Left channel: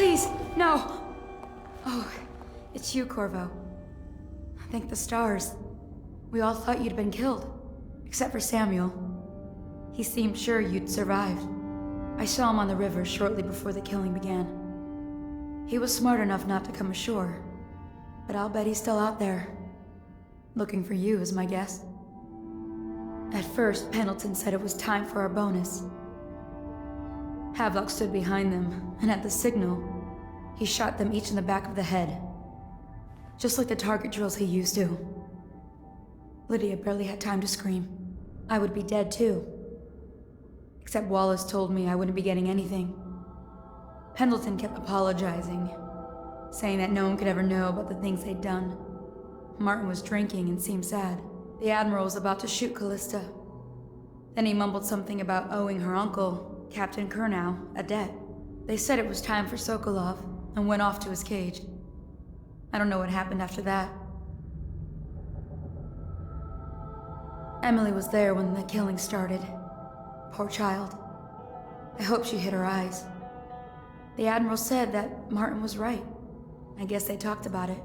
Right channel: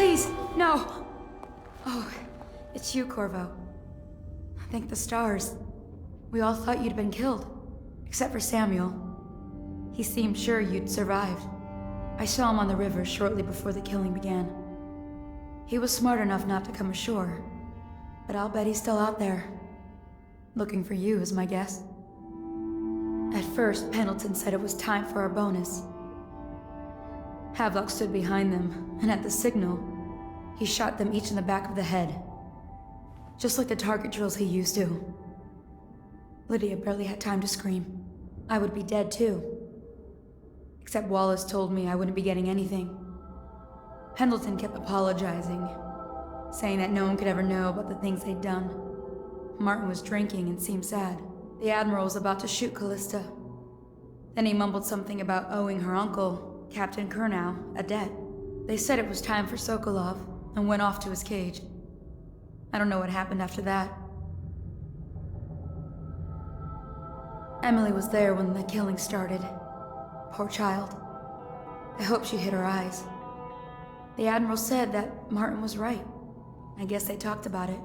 Please, no! Oh, it's you, Corvo. Thank the stars. We all thought you'd been killed. Except for Samuel. He seemed sure you'd survived. I saw him on the river shortly before the killing began. He was smart enough not to come ashore. But I'll bet he's still out there. Looking for you, is my guess. At first, Pendleton said it was time for our bonus. Havelock stood behind them, and at the signal, he shot them each in the back of the head. Just like the target drills he used to. Lydia barely had time to scream. I would be dead too. Except Wallace told me I wouldn't be getting anything. Pendleton kept apologizing, saying that no one could ever know about the things they'd done. Martin was drinking and seemed sad. The Admiral was about to shoot Callista. Then he mumbled something about owing her uncle, Captain Kurnow, a debt. They said it was time for Sokolov, and went off to his cage. I don't know what happened after that. Emily was there when the killing started. Poor child. I hope she hid her eyes. The Admiral said that Martin was right. I guess they talked about it.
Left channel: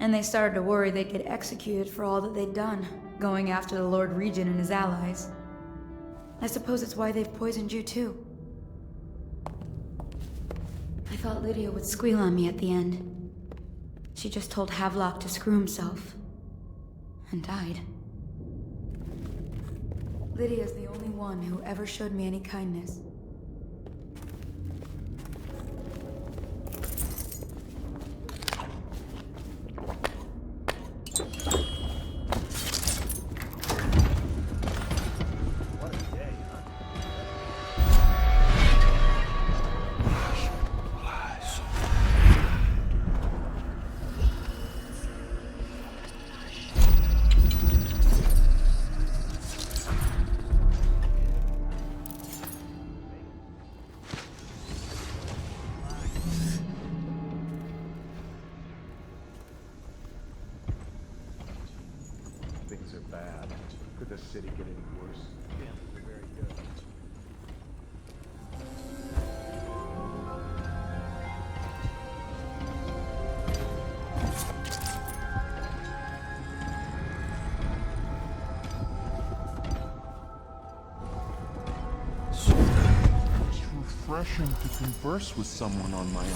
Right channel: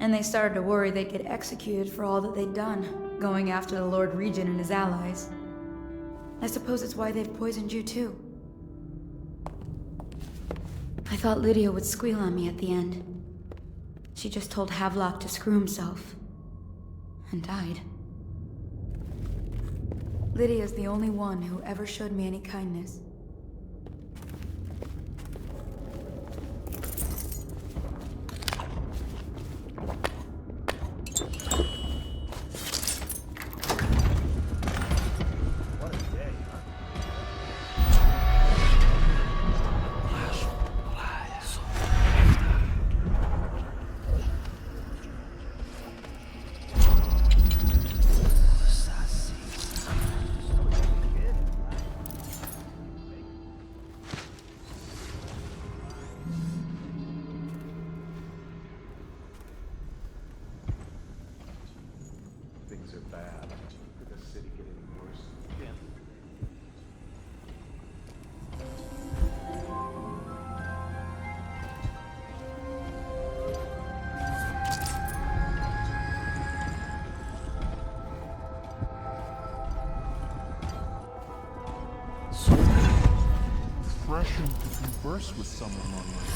And they started to worry they'd get executed for all that they'd done, going after the Lord Regent and his allies. I suppose it's why they've poisoned you too. I thought Lydia would squeal on me at the end. She just told Havelock to screw himself. And died. Lydia's the only one who ever showed me any kindness. Things are bad. Could the city get any worse? Can't be very good. It's refreshing to converse with someone on my own.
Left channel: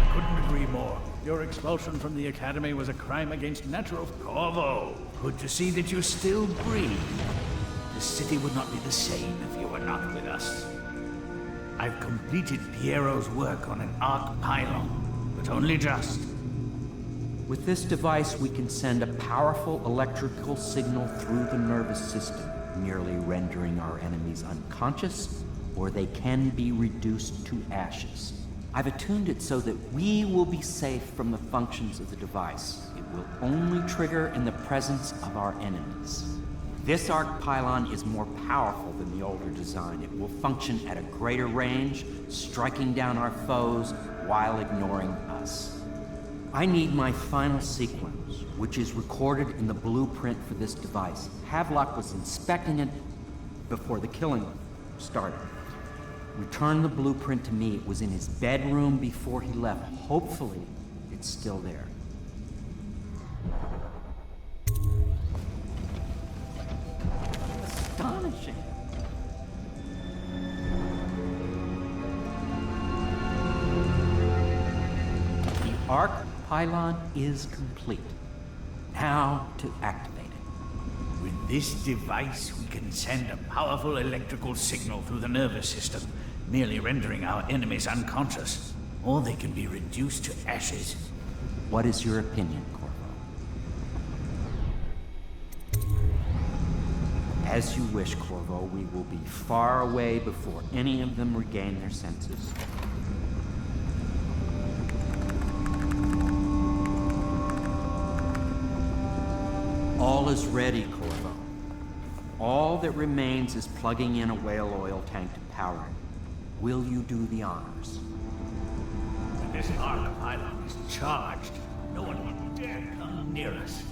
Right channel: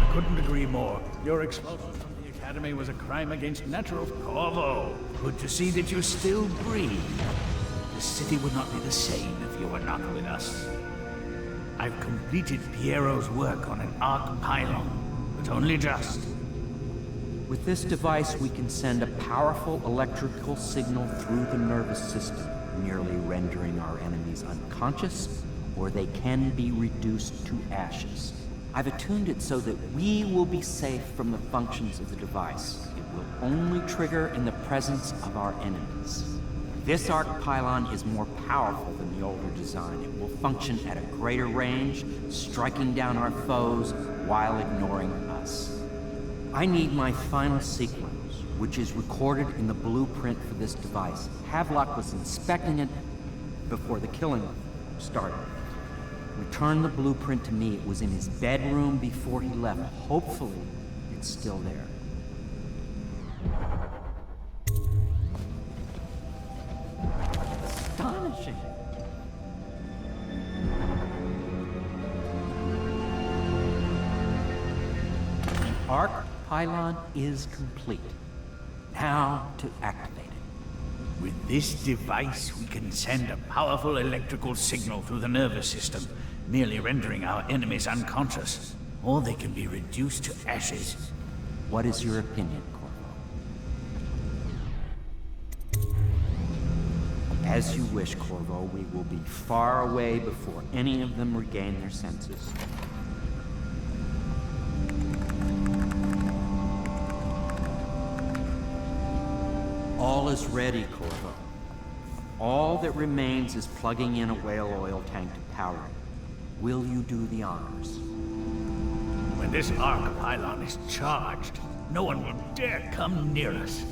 I couldn't agree more. Your expulsion from the Academy was a crime against natural. Corvo, good to see that you still breathe. The city would not be the same if you were not with us. I've completed Piero's work on an arc pylon, but only just. With this device, we can send a powerful electrical signal through the nervous system, merely rendering our enemies unconscious, or they can be reduced to ashes. I've attuned it so that we will be safe from the functions of the device. It will only trigger in the presence of our enemies. This arc pylon is more powerful than the older design. It will function at a greater range, striking down our foes while ignoring us. I need my final sequence, which is recorded in the blueprint for this device. Havelock was inspecting it before the killing started. Return the blueprint to me. It was in his bedroom before he left. Hopefully, it's still there. Astonishing. The arc pylon is complete. Now to activate it. With this device, we can send a powerful electrical signal through the nervous system, merely rendering our enemies unconscious, or they can be reduced to ashes. What is your opinion, Corvo? As you wish, Corvo. We will be far away before any of them regain their senses. All is ready, Corvo. All that remains is plugging in a whale oil tank to power it. Will you do the honors? When this arc pylon is charged, no one will dare come near us.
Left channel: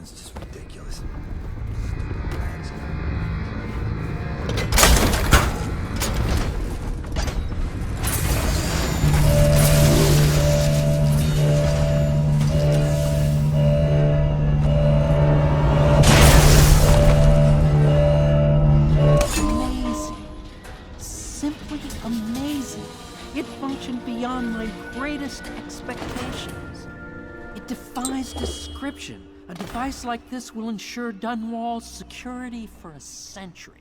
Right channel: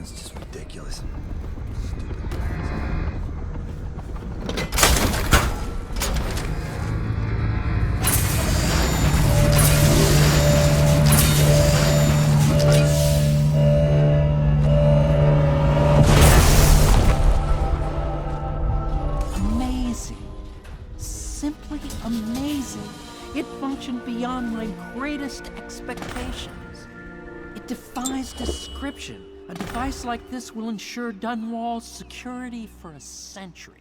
It's just ridiculous. Stupid bastard. Amazing. It functioned beyond my greatest expectations. It defies description. A device like this will ensure Dunwall's security for a century.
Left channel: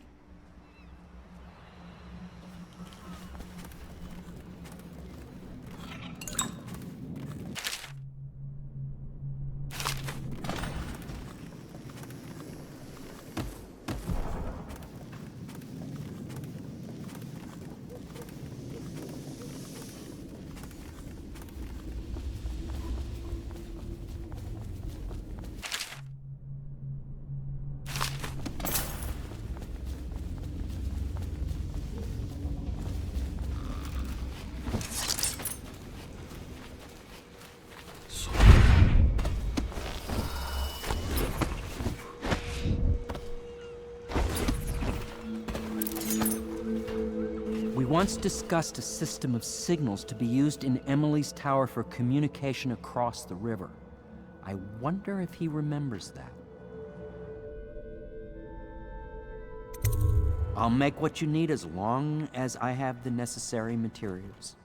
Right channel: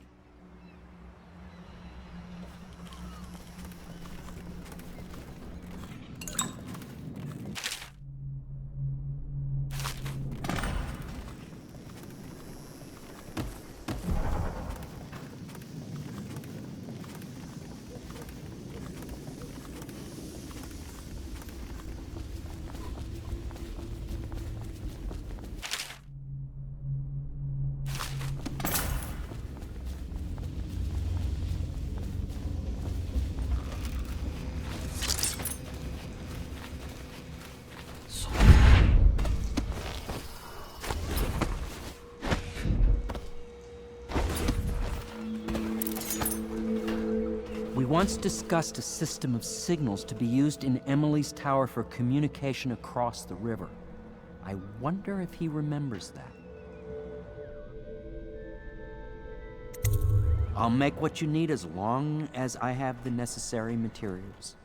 We once discussed a system of signals to be used in Emily's tower for communication across the river. I wonder if he remembers that. I'll make what you need as long as I have the necessary materials.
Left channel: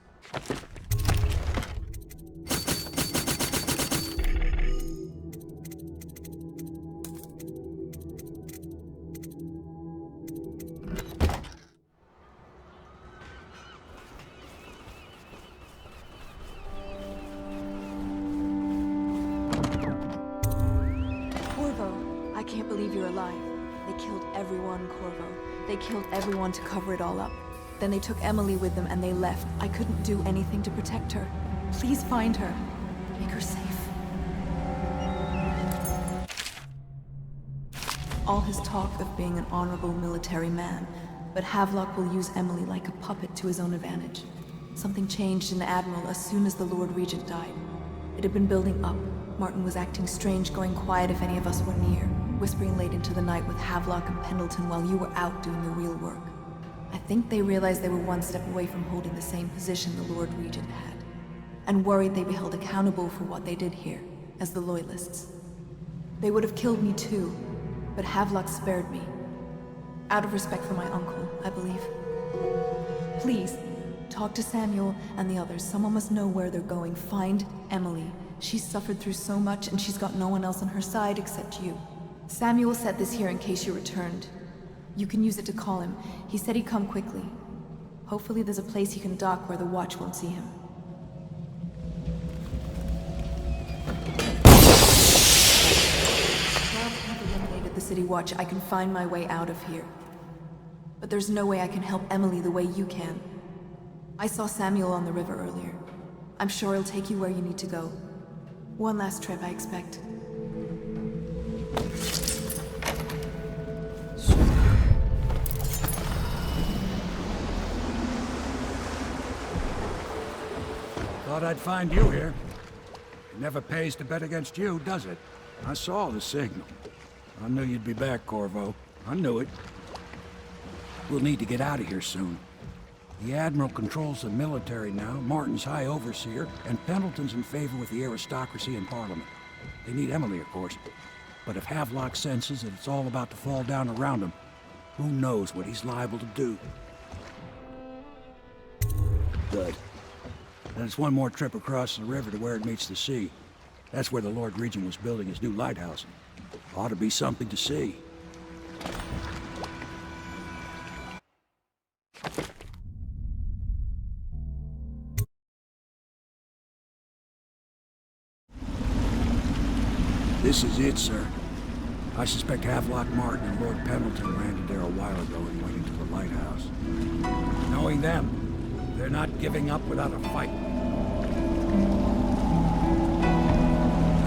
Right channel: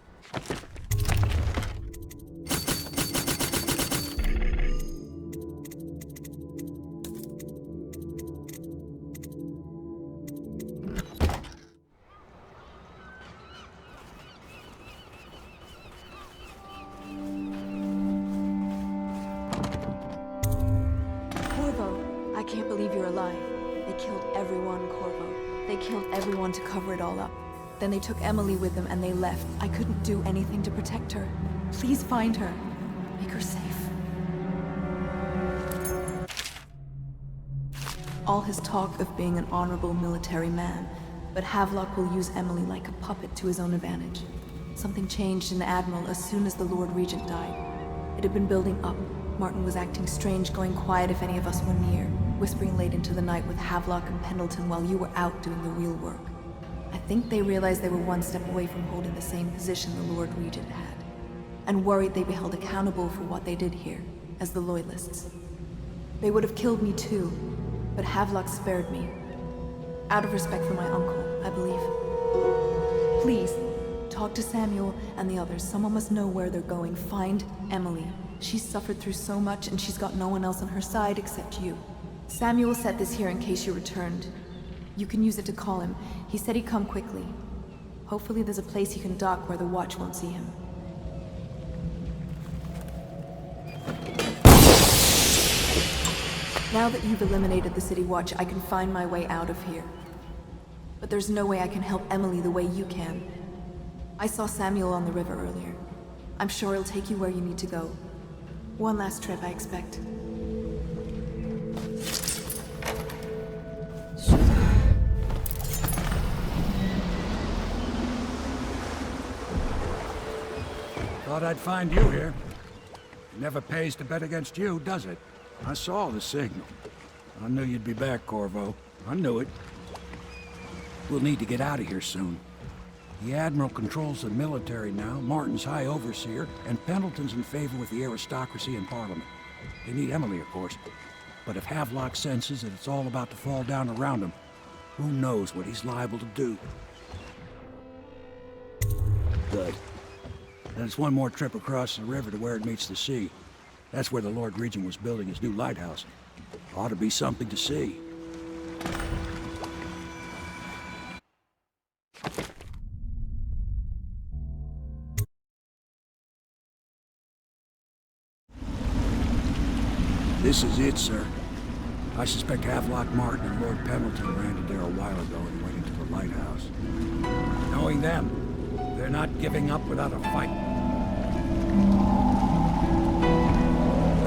Corvo, I can't believe you're alive. They killed everyone, Corvo. They killed everyone to cover it all up. Then they took Emily with them and they left. I couldn't do anything to protect her. Please find her. Make her safe. All his talk of being an honorable military man, but Havelock will use Emily like a puppet to his own advantage. Something changed in the Admiral as soon as the Lord Regent died. It had been building up. Martin was acting strange, going quiet if any of us were near, whispering late into the night with Havelock and Pendleton while you were out doing the real work. I think they realized they were one step away from holding the same position the Lord Regent had, and worried they'd be held accountable for what they did here, as the Loyalists. They would have killed me too, but Havelock spared me. Out of respect for my uncle, I believe. Please, talk to Samuel and the others. Someone must know where they're going. Find Emily. She's suffered through so much, and she's got no one else on her side except you. Samuel set this here in case you returned. You can use it to call him. He said he'd come quickly. Hopefully there's a place he can dock where the Watch won't see him. Now that you've eliminated the City Watch, I can find my way out of here. But there's no way I can help Emily the way you can. I saw Samuel on the river earlier. I'm sure he'll take you where you need to go. One last trip, I expect. Thought I'd find you here. It never pays to bet against you, does it? I saw the signal. I knew you'd be back, Corvo. I knew it. We'll need to get out of here soon. The Admiral controls the military now, Martin's High Overseer, and Pendleton's in favor with the aristocracy and Parliament. They need Emily, of course. But if Havelock senses that it's all about to fall down around him, who knows what he's liable to do. Good. Then it's one more trip across the river to where it meets the sea. That's where the Lord Regent was building his new lighthouse. Ought to be something to see. This is it, sir. I suspect Havelock Martin and Lord Pendleton landed there a while ago and went into the lighthouse. Knowing them, they're not giving up without a fight.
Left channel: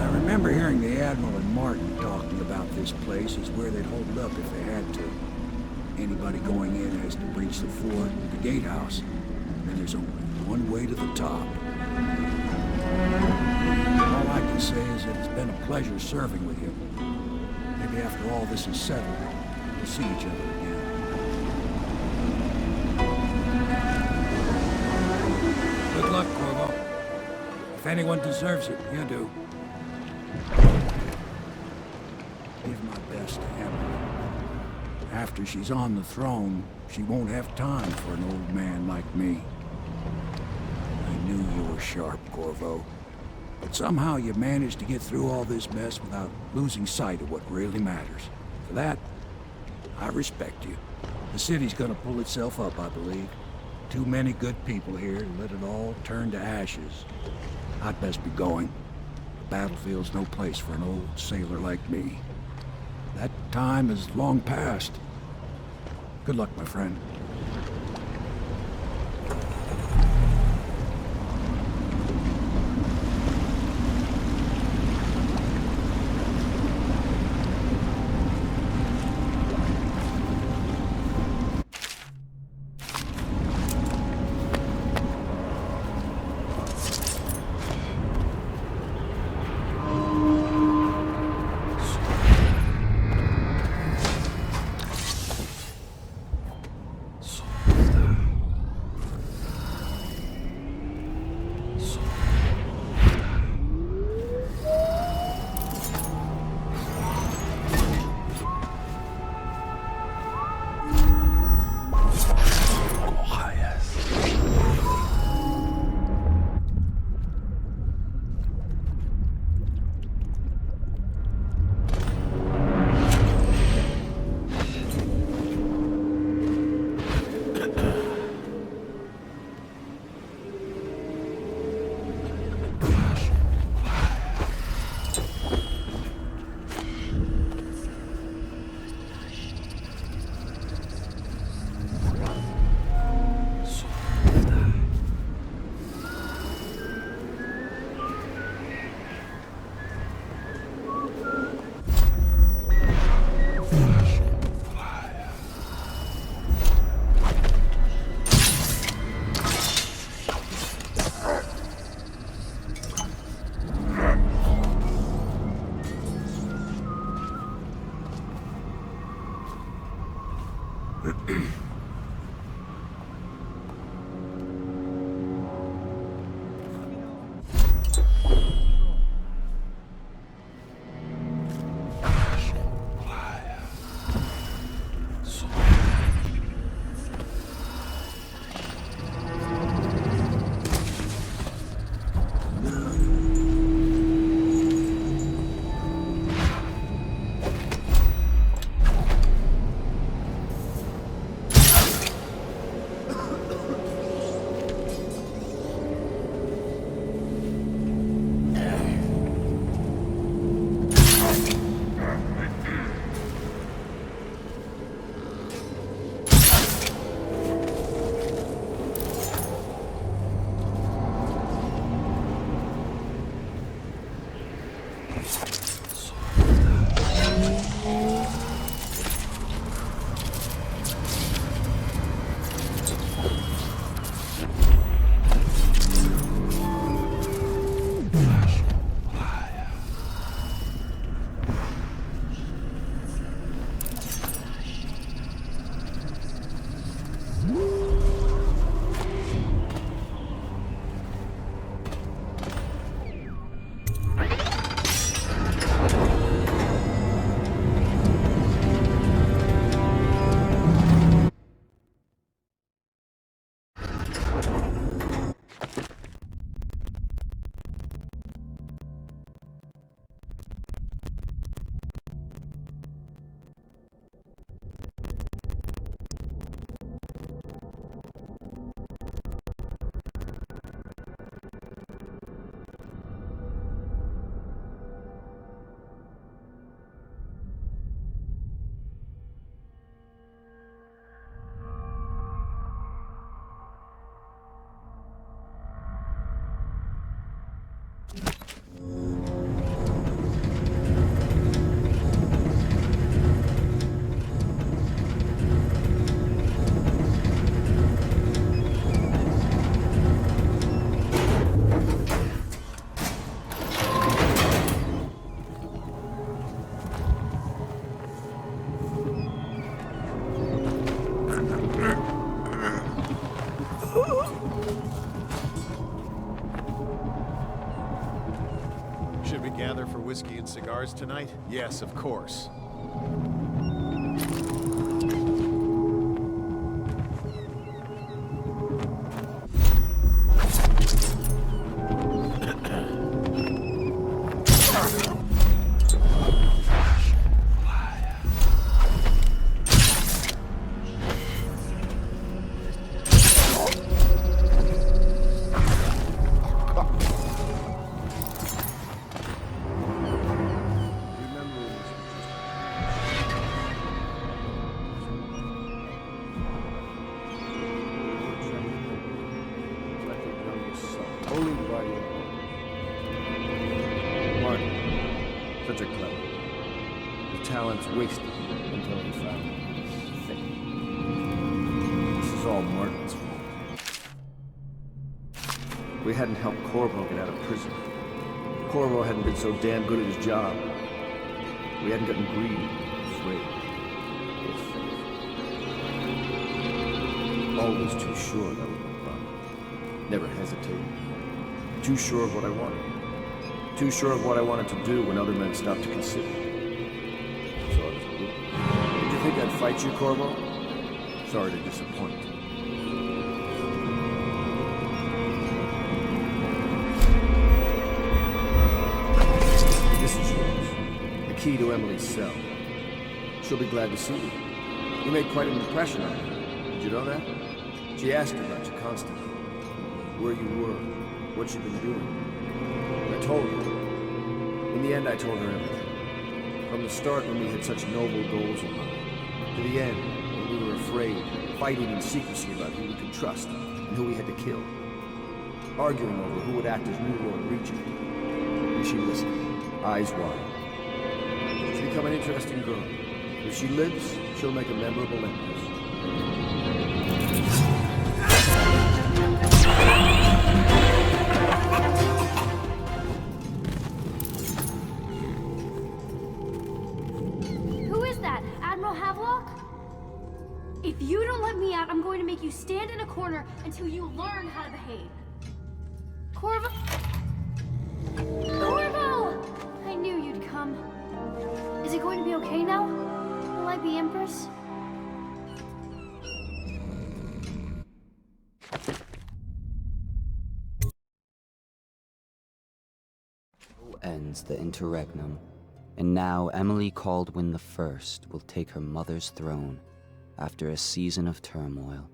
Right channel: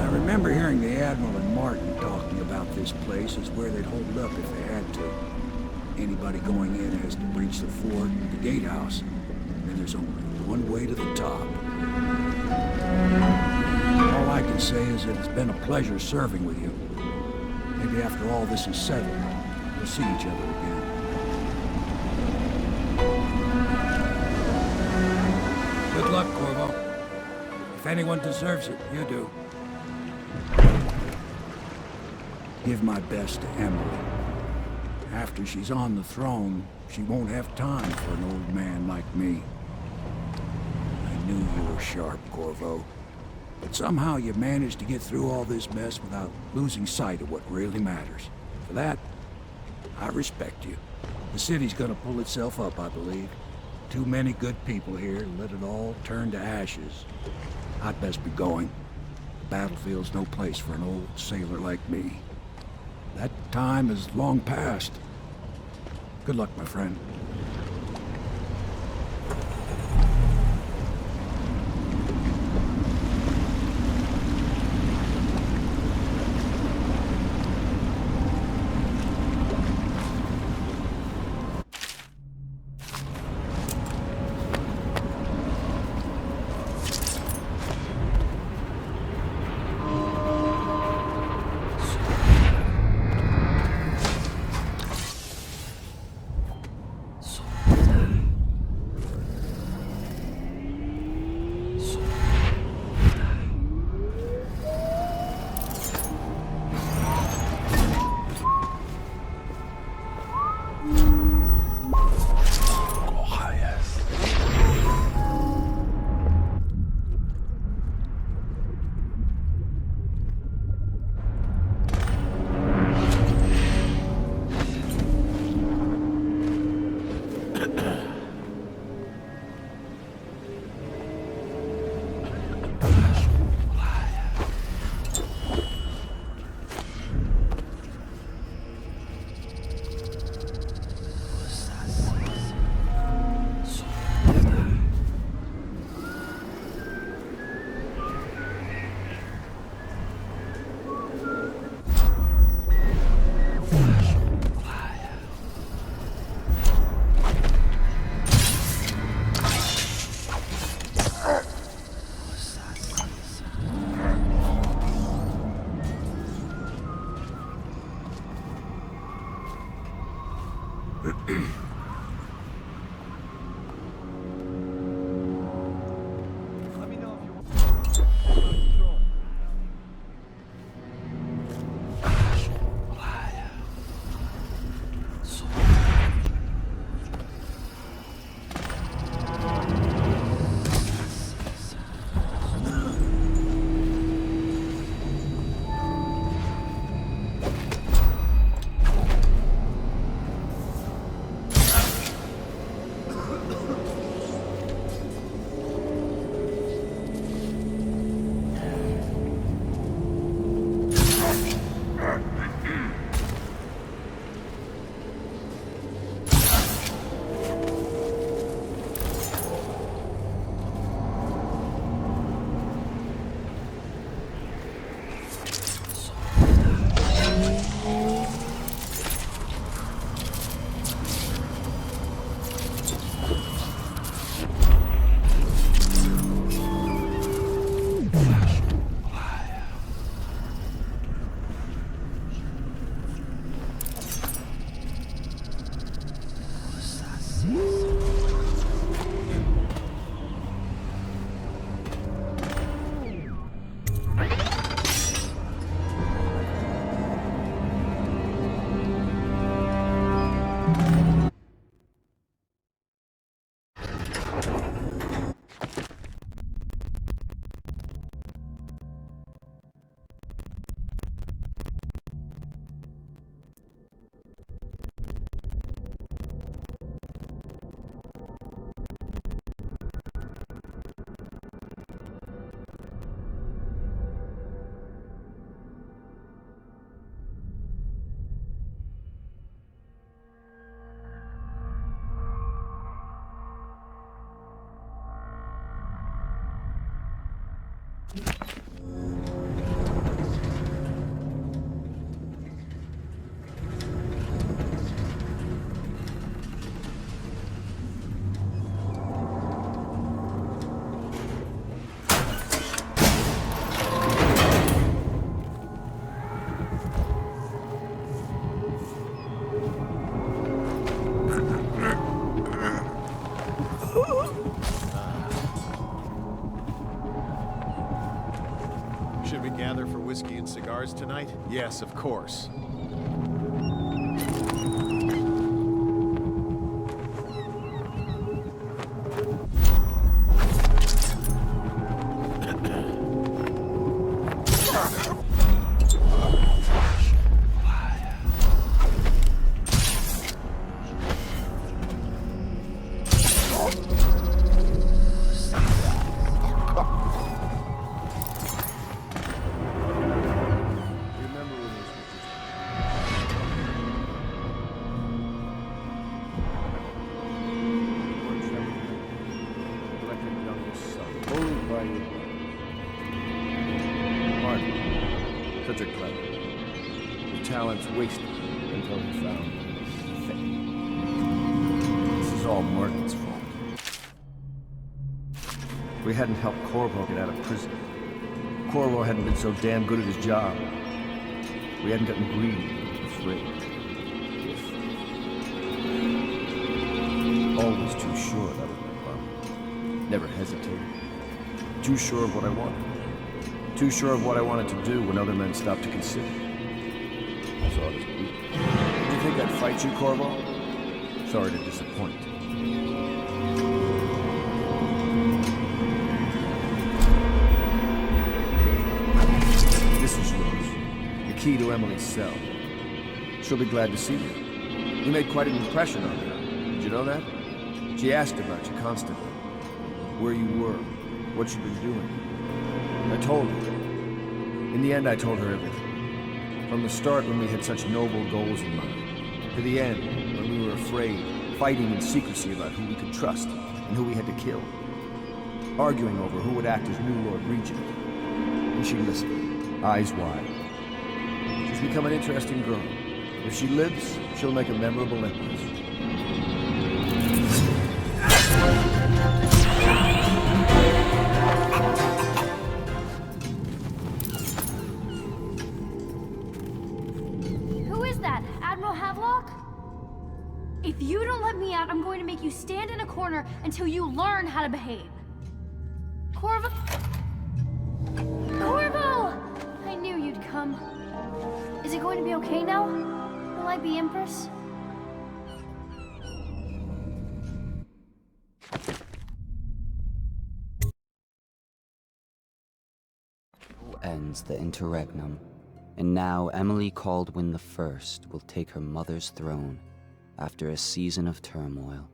I remember hearing the Admiral and Martin talking about this place as where they'd hold up if they had to. Anybody going in has to breach the fort, the gatehouse, and there's only one way to the top. All I can say is that it's been a pleasure serving with you. Maybe after all this is settled, we'll see each other again. Good luck, Corvo. If anyone deserves it, you do. Give my best to Emily. After she's on the throne, she won't have time for an old man like me. I knew you were sharp, Corvo. But somehow you managed to get through all this mess without losing sight of what really matters. For that, I respect you. The city's gonna pull itself up, I believe. Too many good people here to let it all turn to ashes. I'd best be going. The battlefield's no place for an old sailor like me. That time is long past. Good luck, my friend. whiskey and cigars tonight? Yes, of course. Such a clever. His talents wasted until he found his fate. This is all Martin's fault. If we hadn't helped Corvo get out of prison, Corvo hadn't been so damn good at his job. We hadn't gotten greedy, afraid. Always too sure that was my problem. Never hesitated. Too sure of what I wanted. Too sure of what I wanted to do when other men stopped to consider. Saw it as a weakness. Did you think I'd fight you, Corvo? Sorry to disappoint. This is yours. The key to Emily's cell. She'll be glad to see you. You made quite an impression on her. Did you know that? She asked about you constantly. Where you were, what you'd been doing. I told her. In the end, I told her everything. From the start, when we had such noble goals in mind, to the end, when we were afraid, fighting in secrecy about who we could trust and who we had to kill, arguing over who would act as new Lord Regent. And she listened, eyes wide. She's become an interesting girl. If she lives, she'll make a memorable empress. If you don't let me out, I'm going to make you stand in a corner until you learn how to behave. Corvo? Corvo! I knew you'd come. Is it going to be okay now? Will I be Empress? Ends the interregnum, and now Emily Caldwin the First will take her mother's throne. After a season of turmoil,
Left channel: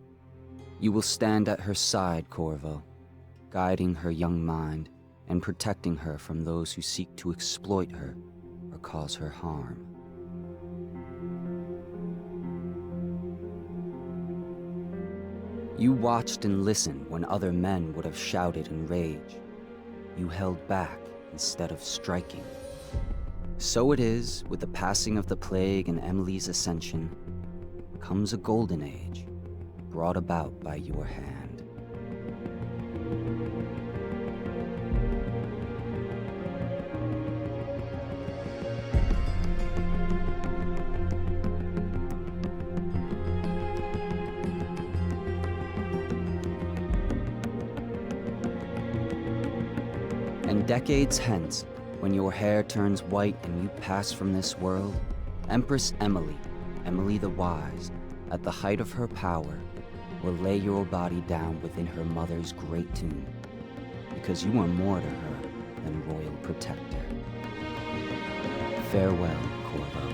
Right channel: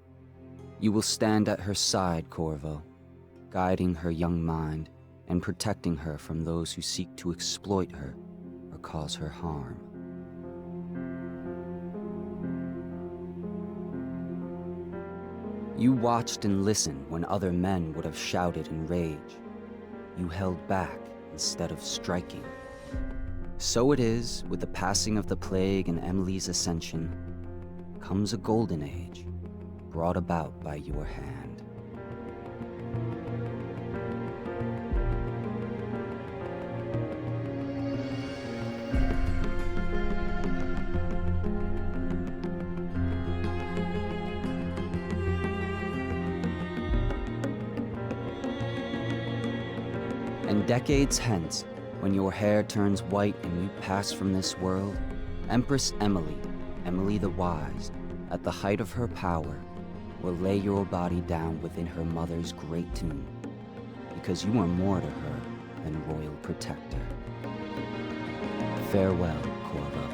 you will stand at her side, Corvo, guiding her young mind and protecting her from those who seek to exploit her or cause her harm. You watched and listened when other men would have shouted in rage. You held back instead of striking. So it is with the passing of the plague and Emily's ascension, comes a golden age, brought about by your hand. And decades hence, when your hair turns white and you pass from this world, Empress Emily, Emily the Wise, at the height of her power, will lay your body down within her mother's great tomb, because you are more to her than royal protector. Farewell, Corvo.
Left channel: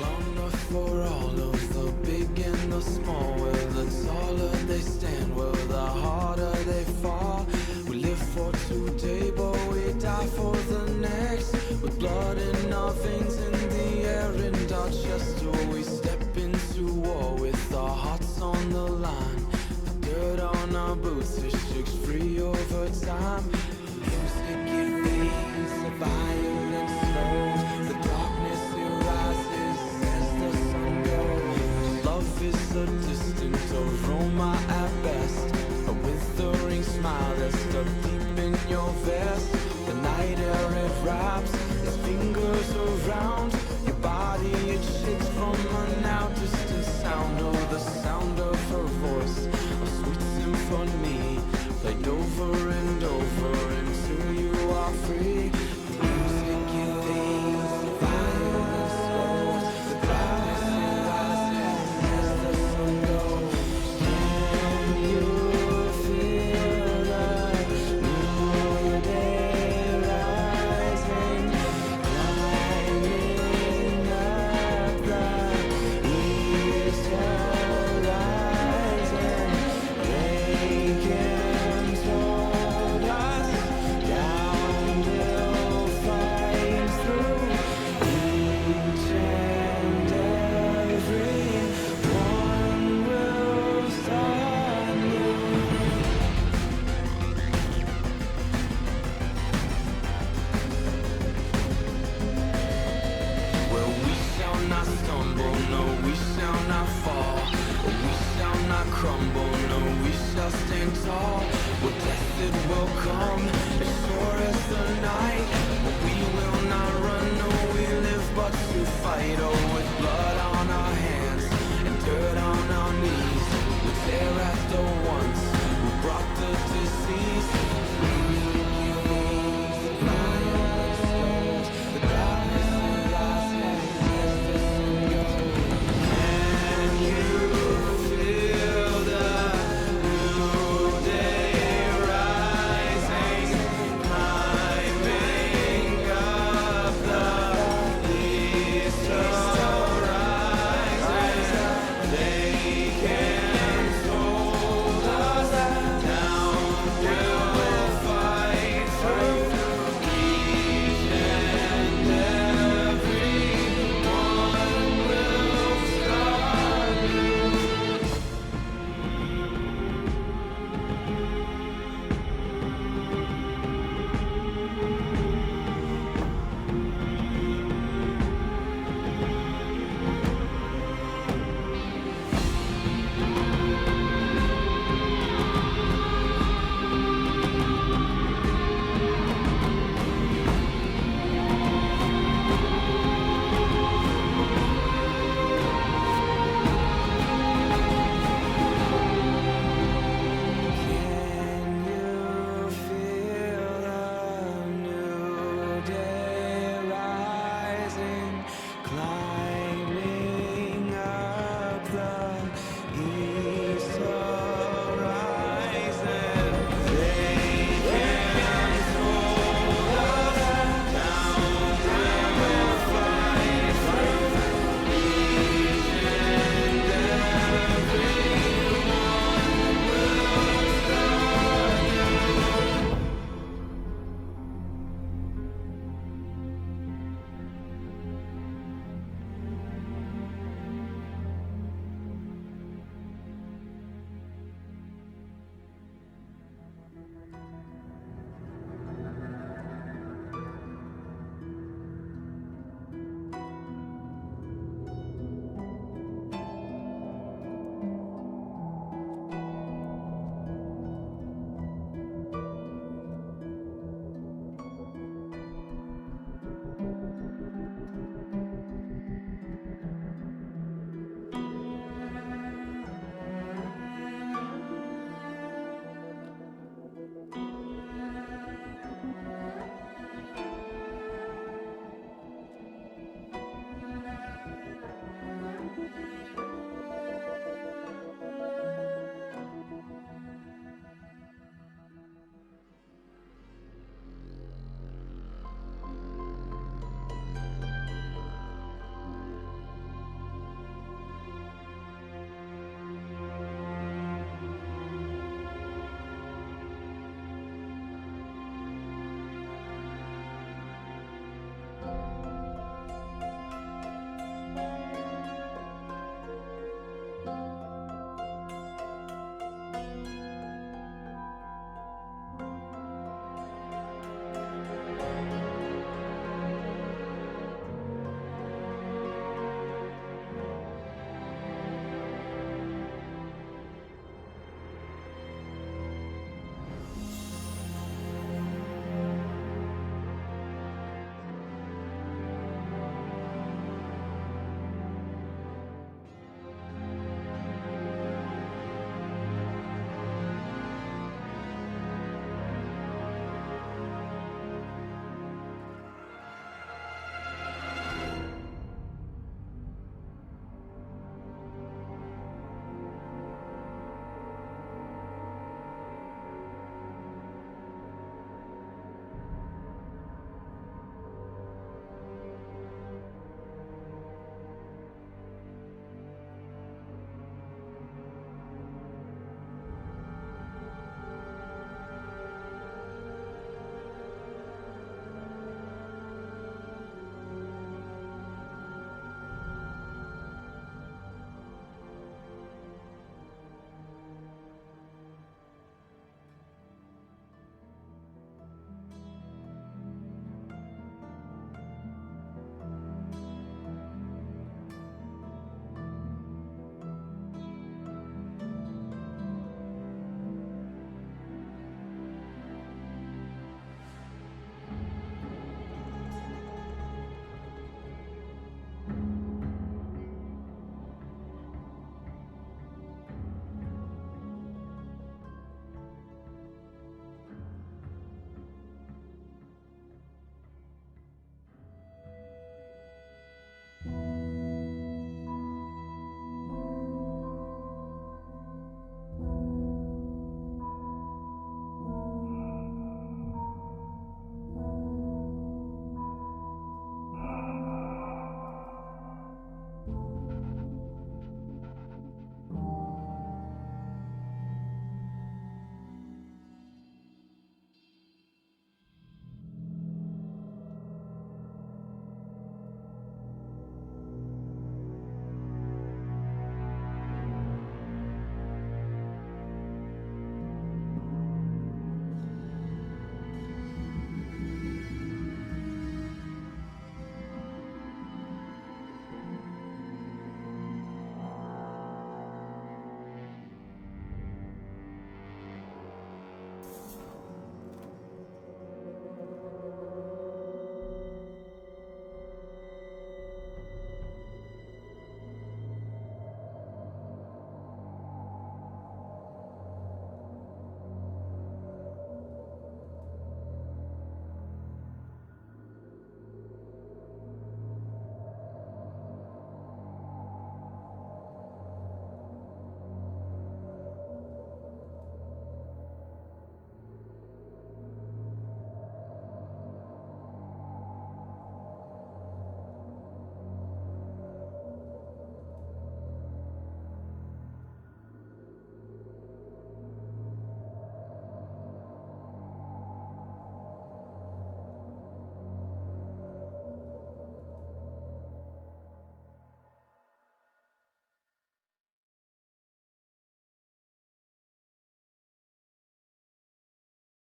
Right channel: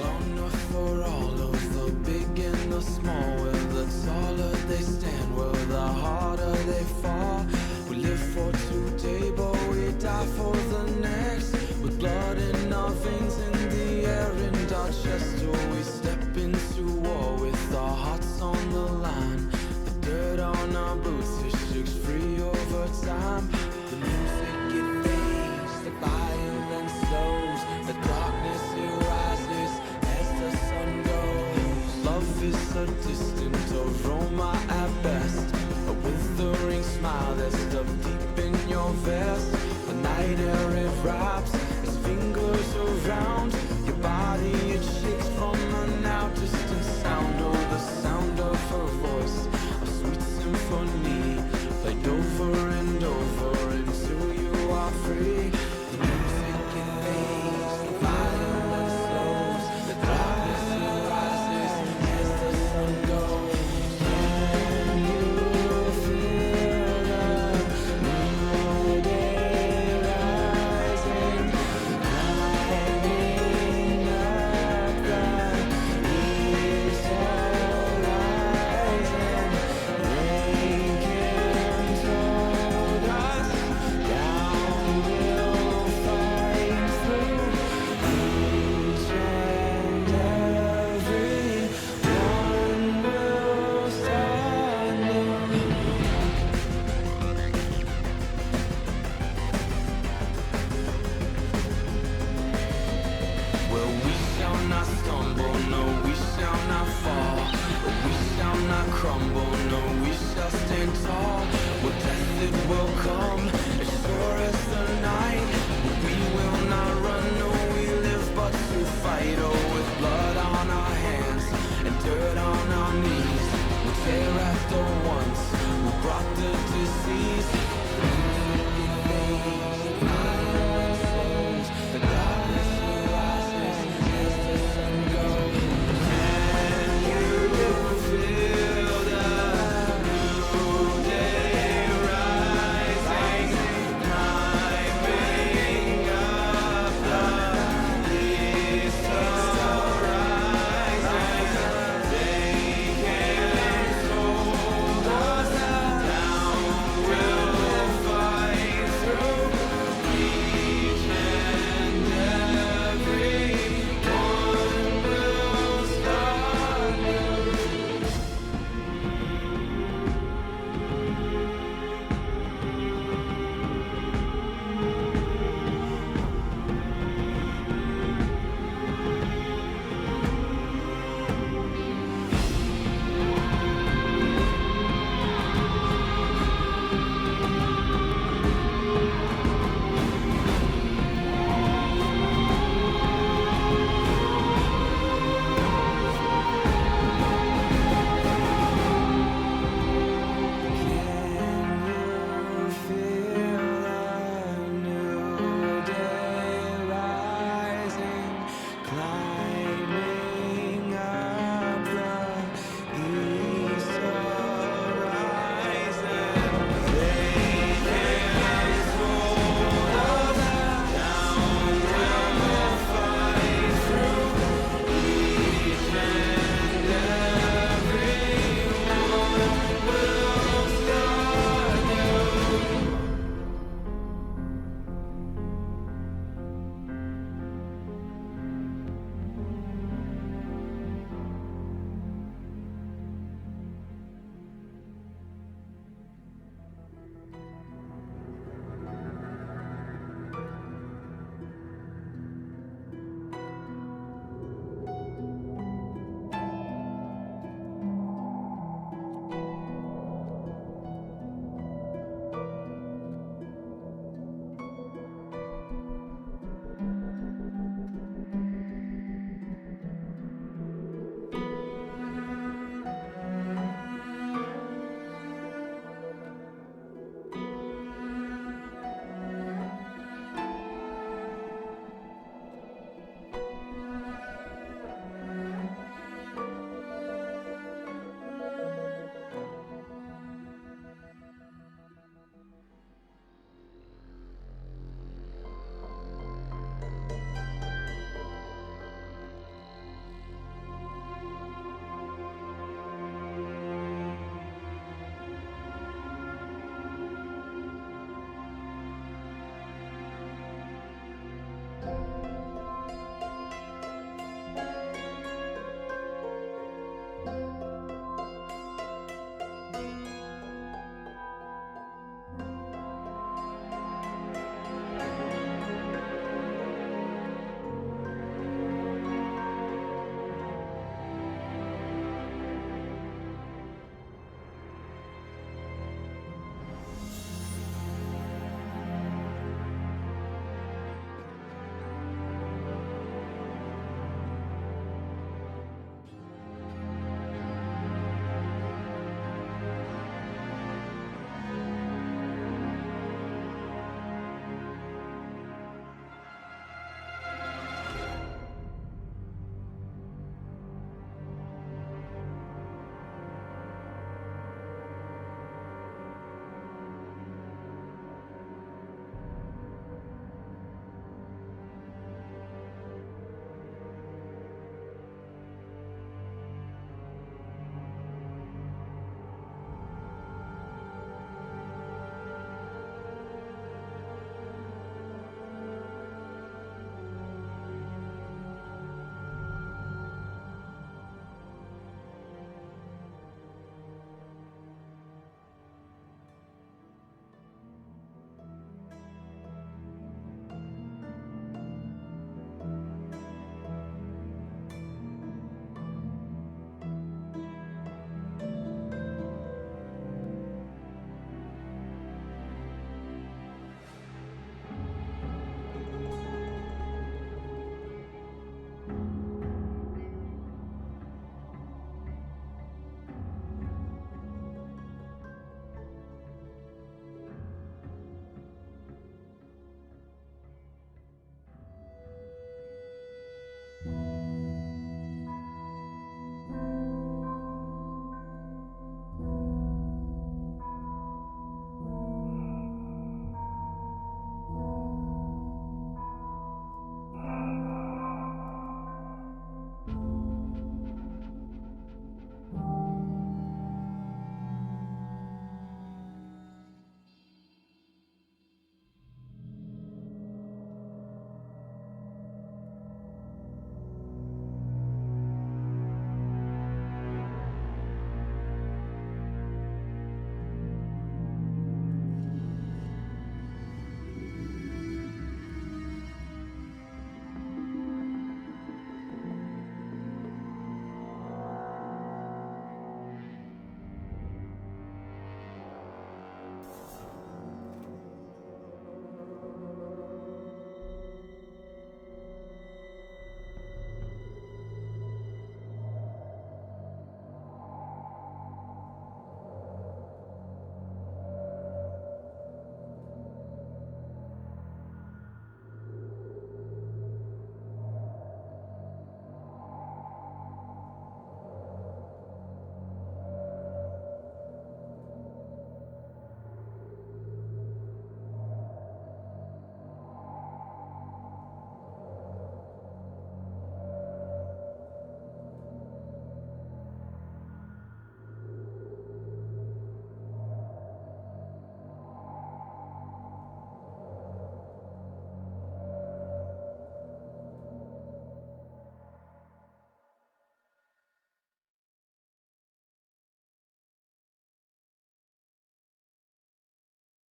Long enough for all of the big and the small, where the taller they stand, where the harder they fall. We live for today, but we die for the next. With blood in our veins, in the air, in our chest, or we step into war with our hearts on the line. The dirt on our boots, it shakes free over time. The music it fades, the violence slows, the darkness it rises as the sun goes. Love is a distant aroma at best, a withering smile that's stuck deep in your vest. The night air it wraps its fingers around your body, it shakes from a now distant sound. Oh, the sound of her voice, a sweet symphony, played over and over until you are free. The music it Well, we shall not stumble, no, we shall not fall. We shall not crumble, no, we shall stand tall. Well, death it will come, as sure as the night. But we will not run, no, we live but to fight. Oh, with blood on our hands and dirt on our knees, we tear at the ones who brought the disease. Climb